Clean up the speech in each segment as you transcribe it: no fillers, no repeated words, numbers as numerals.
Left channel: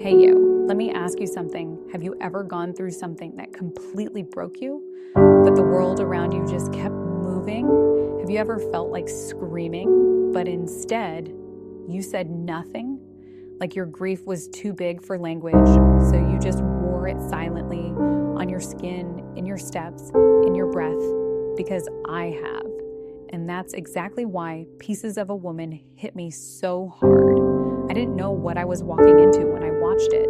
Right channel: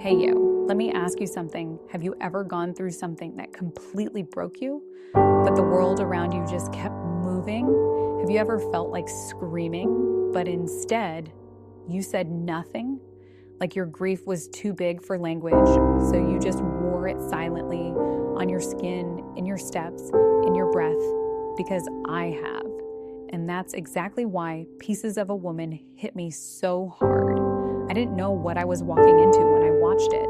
Hey you, let me ask you something. Have you ever gone through something that completely broke you, but the world around you just kept moving? Have you ever felt like screaming, but instead you said nothing? Like your grief was too big for language, so you just wore it silently on your skin, in your steps, in your breath, because I have. And that's exactly why Pieces of a Woman hit me so hard. I didn't know what I was walking into when I watched it.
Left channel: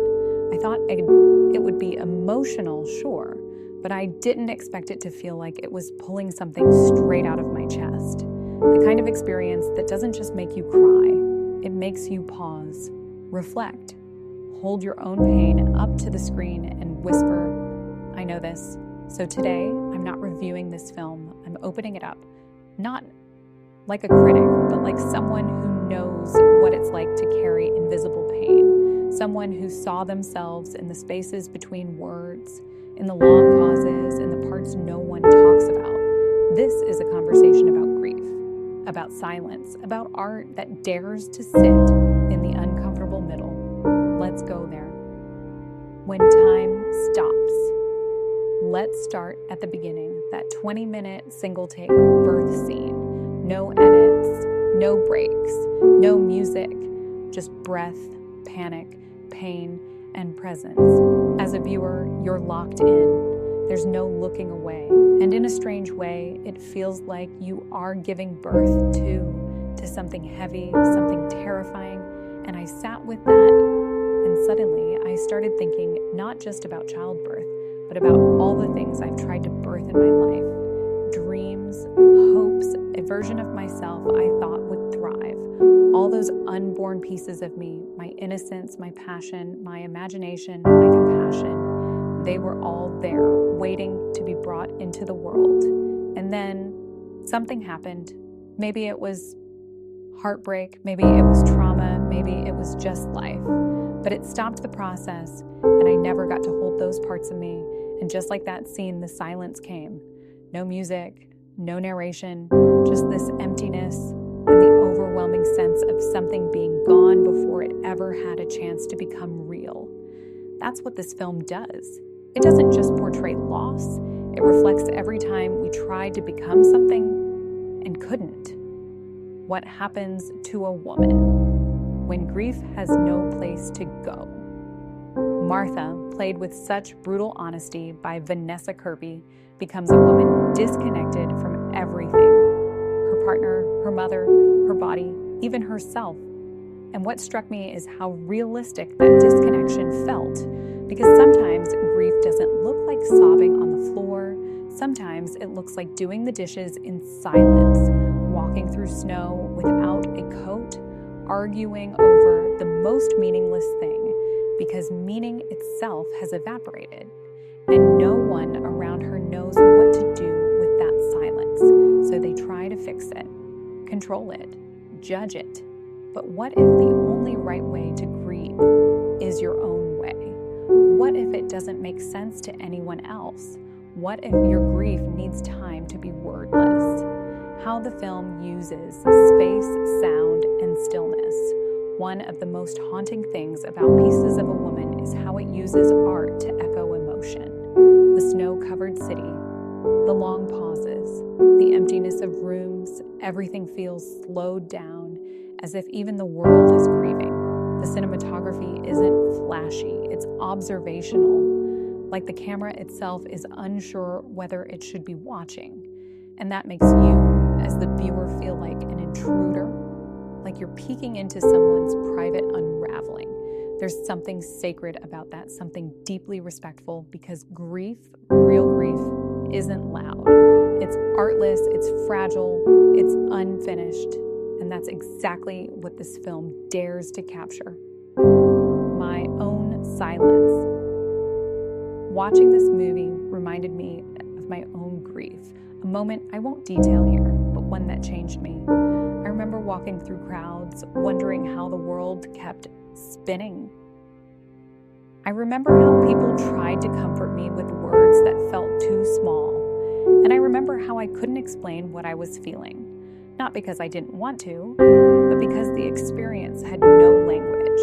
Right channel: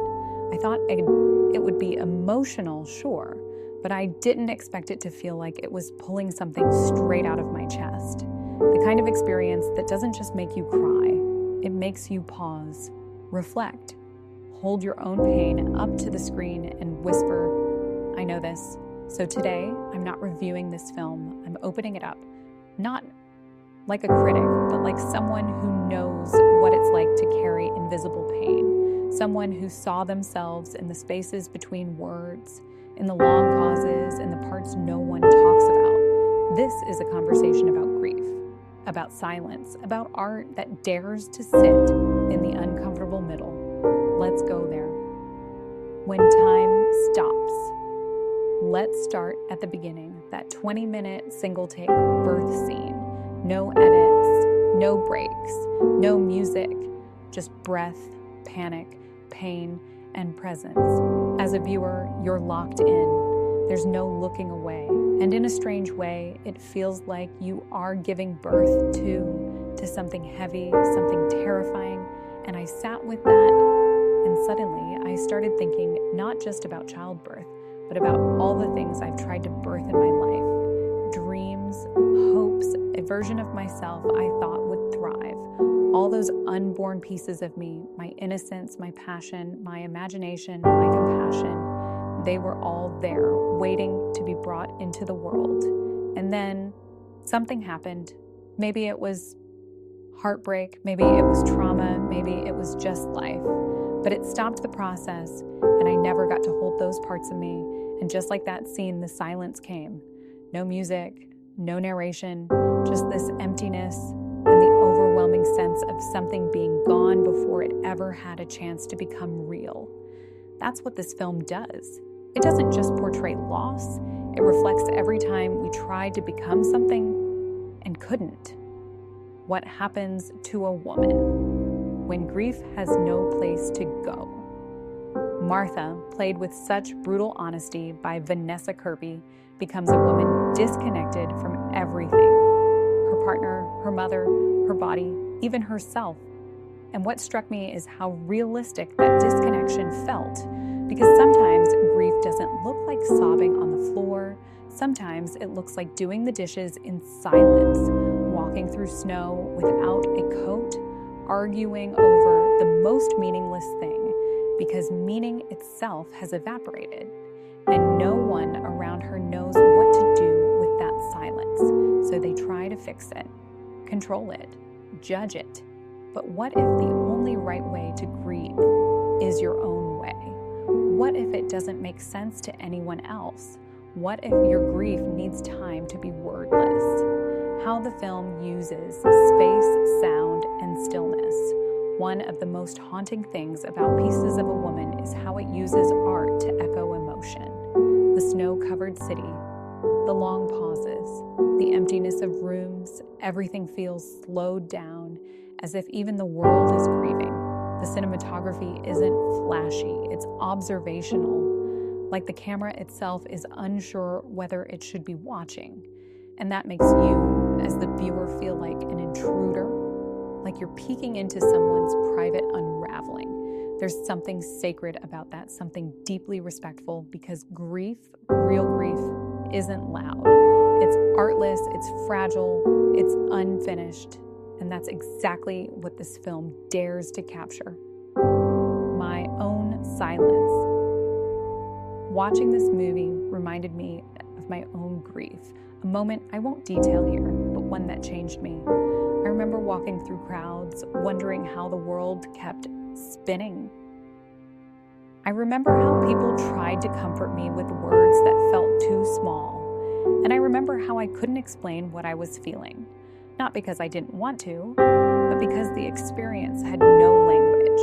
I thought it would be emotional, sure, but I didn't expect it to feel like it was pulling something straight out of my chest. The kind of experience that doesn't just make you cry, it makes you pause, reflect, hold your own pain up to the screen and whisper, I know this. So today, I'm not reviewing this film, I'm opening it up. Not like a critic, but like someone who knows what it's like to carry invisible pain. Someone who saw themselves in the spaces between words, in the long pauses, in the parts no one talks about. This is a conversation about grief, about silence, about art that dares to sit in the uncomfortable middle. Let's go there. When time stops. Let's start at the beginning, that 20-minute single-take birth scene. No edits, no breaks, no music, just breath, panic, pain, and presence. As a viewer, you're locked in. There's no looking away. And in a strange way, it feels like you are giving birth to something heavy, something terrifying. And I sat with that, and suddenly I started thinking not just about childbirth, but about all the things I've tried to birth in my life. Dreams, hopes, a version of myself I thought would thrive. All those unborn pieces of me, my innocence, my passion, my imagination, my compassion, they were all there, waiting to be brought into the world. And then something happened. Maybe it was heartbreak, maybe it was trauma, maybe it was just life. But it stopped the process, and I never got to hold those parts of me. And just like that scene, the silence came. No music, no narration, just this emptiness and the overwhelming sense of something being gone before it ever had a chance to become real. That's what this film does. It doesn't just portray loss, it reflects every time we tried to become something and couldn't. What happens to a woman when grief has no place to go? Martha, played with such brutal honesty by Vanessa Kirby, becomes a woman disconnected from everything. Her partner, her mother, her body, even herself. And what struck me is how realistic that disconnection felt, because sometimes grief doesn't look like sobbing on the floor. Sometimes it looks like doing the dishes in silence, walking through snow without a coat, arguing over the most meaningless thing, because meaning itself has evaporated, and no one around her knows what to do with that silence. So they try to fix it, control it, judge it. But what if the only right way to grieve is your own way? What if it doesn't make sense to anyone else? What if your grief needs time to be wordless? How the film uses space, sound, and stillness. One of the most haunting things about Pieces of a Woman is how it uses art to echo emotion. The snow-covered city, the long pauses, the emptiness of rooms, everything feels slowed down, as if even the world is grieving. The cinematography isn't flashy, it's observational, like the camera itself is unsure whether it should be watching. And that makes you, as the viewer, feel like an intruder, like you're peeking into someone's private unraveling. There's something sacred about that, something deeply respectful, because grief, real grief, isn't loud. It's artless, it's fragile, it's unfinished, and that's exactly what this film dares to capture. My own silence. Watching this movie reminded me of my own grief, a moment I won't detail here, but one that changed me. I remember walking through crowds, wondering how the world kept spinning. I remember how people tried to comfort me with words that felt too small. And I remember how I couldn't explain what I was feeling. Not because I didn't want to, but because the experience had no language.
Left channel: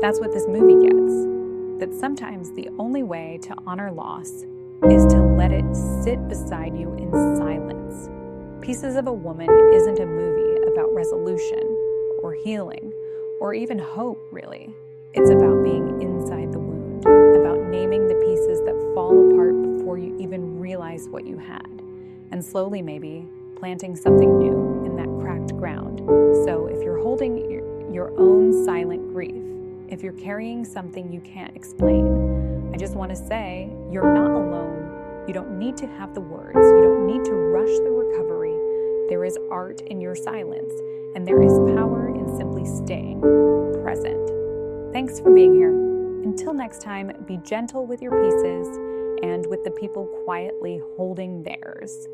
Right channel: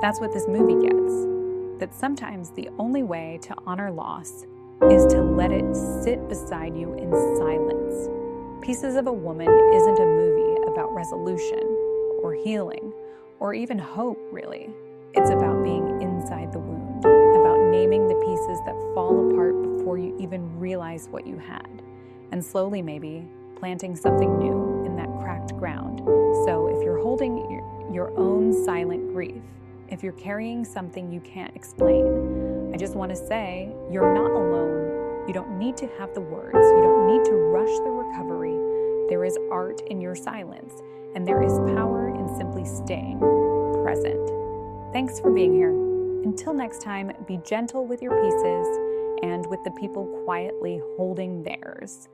That's what this movie gets. That sometimes the only way to honor loss is to let it sit beside you in silence. Pieces of a Woman isn't a movie about resolution or healing or even hope, really. It's about being inside the wound, about naming the pieces that fall apart before you even realize what you had, and slowly maybe planting something new in that cracked ground. So if you're holding your own silent grief, if you're carrying something you can't explain, I just want to say you're not alone. You don't need to have the words. You don't need to rush the recovery. There is art in your silence, and there is power in simply staying present. Thanks for being here. Until next time, be gentle with your pieces and with the people quietly holding theirs.